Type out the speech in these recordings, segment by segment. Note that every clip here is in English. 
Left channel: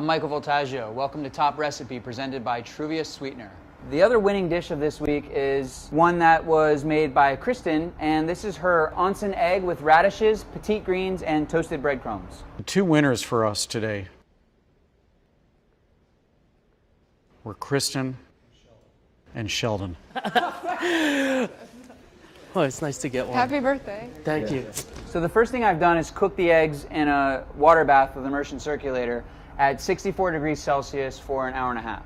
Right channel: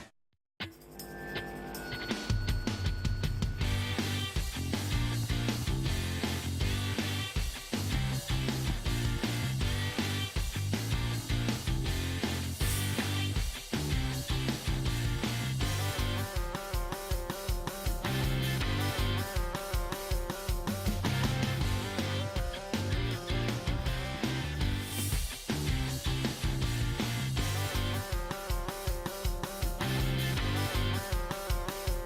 I'm Michael Voltaggio. Welcome to Top Recipe, presented by Truvia Sweetener. The other winning dish of this week is one that was made by Kristen, and this is her onsen egg with radishes, petite greens, and toasted breadcrumbs. Two winners for us today were Kristen and Sheldon. Oh, it's nice to get one. Happy birthday. Thank you. So the first thing I've done is cook the eggs in a water bath with immersion circulator at 64 degrees Celsius for an hour and a half.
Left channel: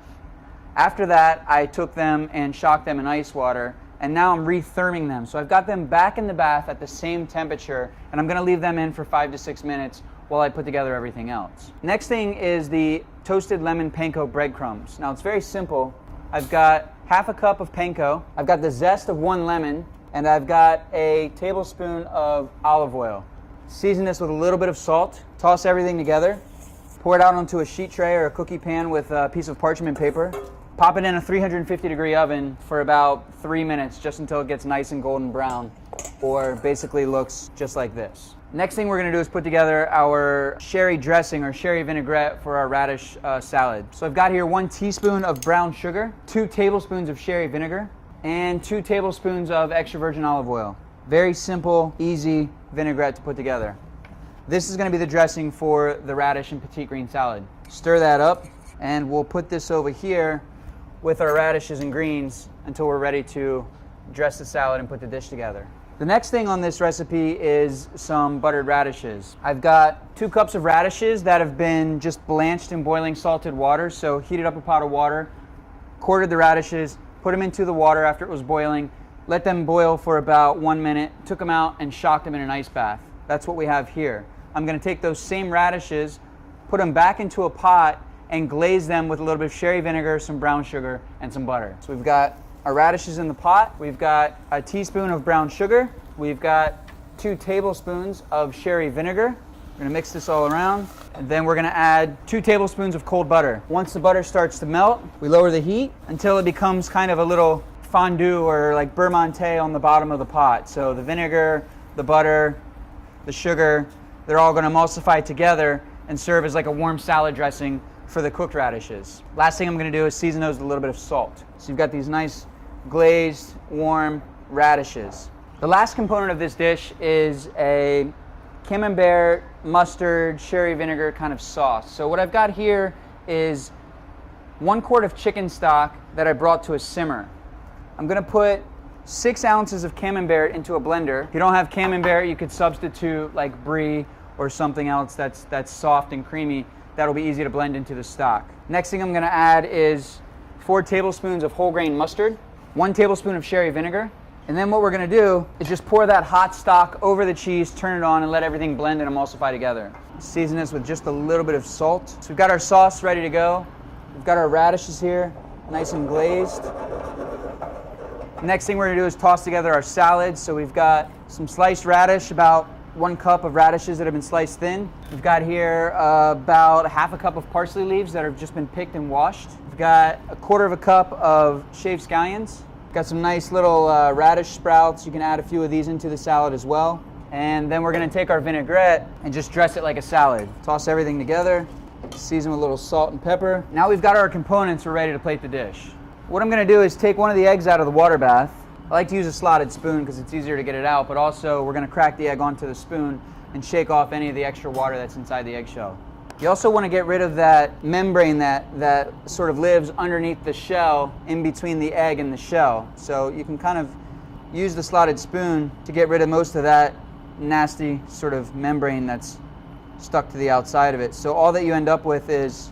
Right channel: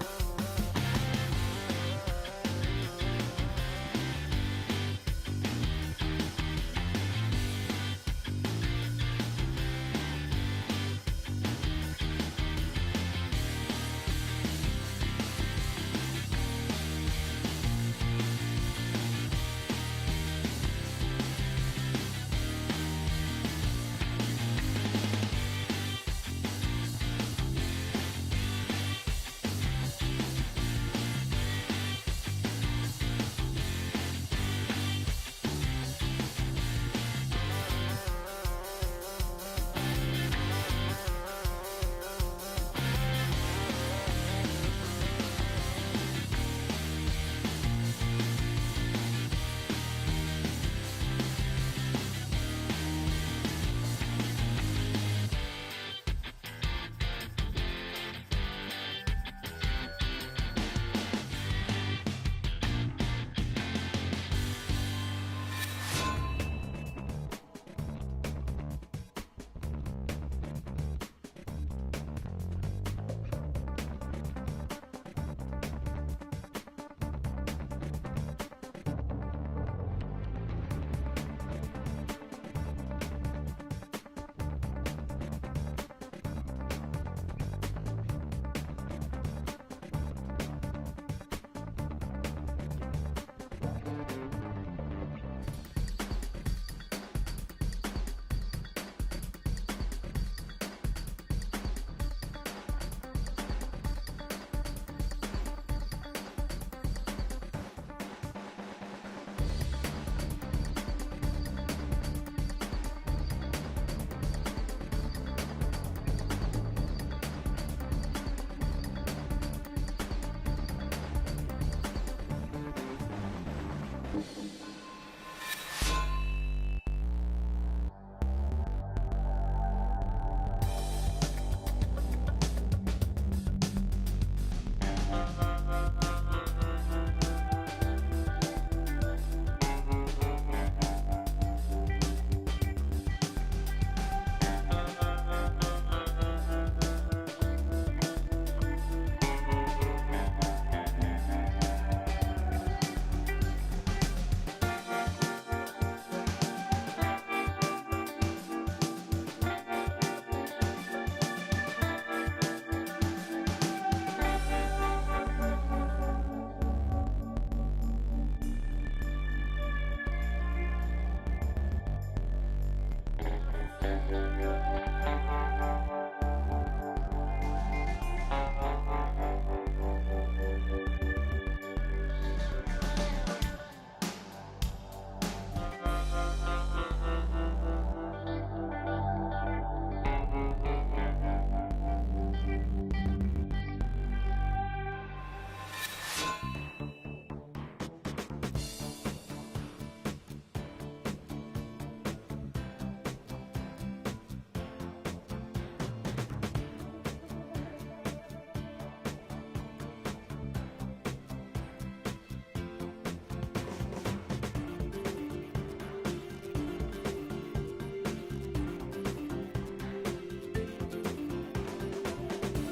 After that, I took them and shocked them in ice water, and now I'm retherming them. So I've got them back in the bath at the same temperature, and I'm gonna leave them in for 5 to 6 minutes while I put together everything else. Next thing is the toasted lemon panko breadcrumbs. Now it's very simple. I've got half a cup of panko, I've got the zest of 1 lemon, and I've got a tablespoon of olive oil. Season this with a little bit of salt, toss everything together, pour it out onto a sheet tray or a cookie pan with a piece of parchment paper, pop it in a 350-degree oven for about 3 minutes, just until it gets nice and golden brown, or basically looks just like this. Next thing we're gonna do is put together our sherry dressing or sherry vinaigrette for our radish salad. So I've got here 1 teaspoon of brown sugar, 2 tablespoons of sherry vinegar, and 2 tablespoons of extra virgin olive oil. Very simple, easy vinaigrette to put together. This is gonna be the dressing for the radish and petite green salad. Stir that up, and we'll put this over here with our radishes and greens until we're ready to dress the salad and put the dish together. The next thing on this recipe is some buttered radishes. I've got 2 cups of radishes that have been just blanched in boiling salted water. So heated up a pot of water, quartered the radishes, put them into the water after it was boiling, let them boil for about 1 minute, took them out and shocked them in an ice bath. That's what we have here. I'm gonna take those same radishes, put them back into a pot and glaze them with a little bit of sherry vinegar, some brown sugar, and some butter. So we've got our radishes in the pot, we've got a teaspoon of brown sugar, we've got 2 tablespoons of sherry vinegar. We're gonna mix this all around, and then we're gonna add 2 tablespoons of cold butter. Once the butter starts to melt, we lower the heat until it becomes kind of a little fondue or like beurre monté on the bottom of the pot. So the vinegar, the butter, the sugar, they're all gonna emulsify together and serve as like a warm salad dressing for the cooked radishes. Last thing I'm gonna do is season those with a little bit of salt. So you've got these nice glazed, warm radishes. The last component of this dish is a camembert, mustard, sherry vinegar kind of sauce. So what I've got here is 1 quart of chicken stock that I brought to a simmer. I'm gonna put 6 ounces of camembert into a blender. If you don't have camembert, you could substitute like brie or something else that's soft and creamy. That'll be easy to blend into the stock. Next thing I'm gonna add is 4 tablespoons of whole grain mustard, 1 tablespoon of sherry vinegar, and then what we're gonna do is just pour that hot stock over the cheese, turn it on, and let everything blend and emulsify together. Season this with just a little bit of salt. So we've got our sauce ready to go. We've got our radishes here, nice and glazed. Next thing we're gonna do is toss together our salad. So we've got some sliced radish, about 1 cup of radishes that have been sliced thin. We've got here about half a cup of parsley leaves that have just been picked and washed. We've got 1/4 cup of shaved scallions. Got some nice little radish sprouts. You can add a few of these into the salad as well. And then we're gonna take our vinaigrette and just dress it like a salad. Toss everything together, season with a little salt and pepper. Now we've got our components, we're ready to plate the dish. What I'm gonna do is take one of the eggs out of the water bath. I like to use a slotted spoon because it's easier to get it out, but also we're gonna crack the egg onto the spoon and shake off any of the extra water that's inside the eggshell. You also wanna get rid of that membrane that sort of lives underneath the shell in between the egg and the shell. So you can kind of use the slotted spoon to get rid of most of that nasty sort of membrane that's stuck to the outside of it. So all that you end up with is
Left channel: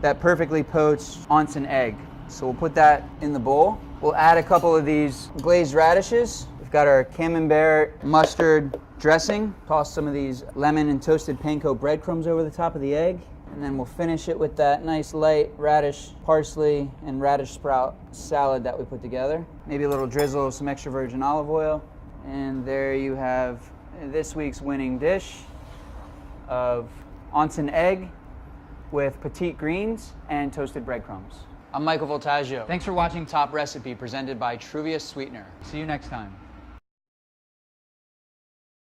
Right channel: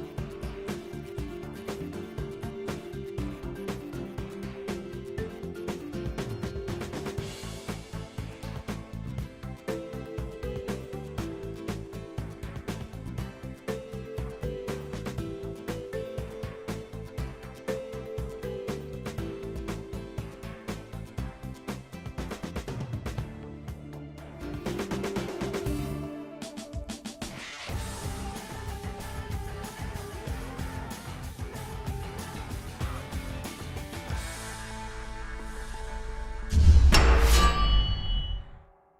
that perfectly poached onsen egg. So we'll put that in the bowl. We'll add a couple of these glazed radishes. We've got our camembert mustard dressing. Toss some of these lemon and toasted panko breadcrumbs over the top of the egg. And then we'll finish it with that nice light radish, parsley, and radish sprout salad that we put together. Maybe a little drizzle of some extra virgin olive oil. And there you have this week's winning dish of onsen egg with petite greens and toasted breadcrumbs. I'm Michael Voltaggio. Thanks for watching Top Recipe, presented by Truvia Sweetener. See you next time.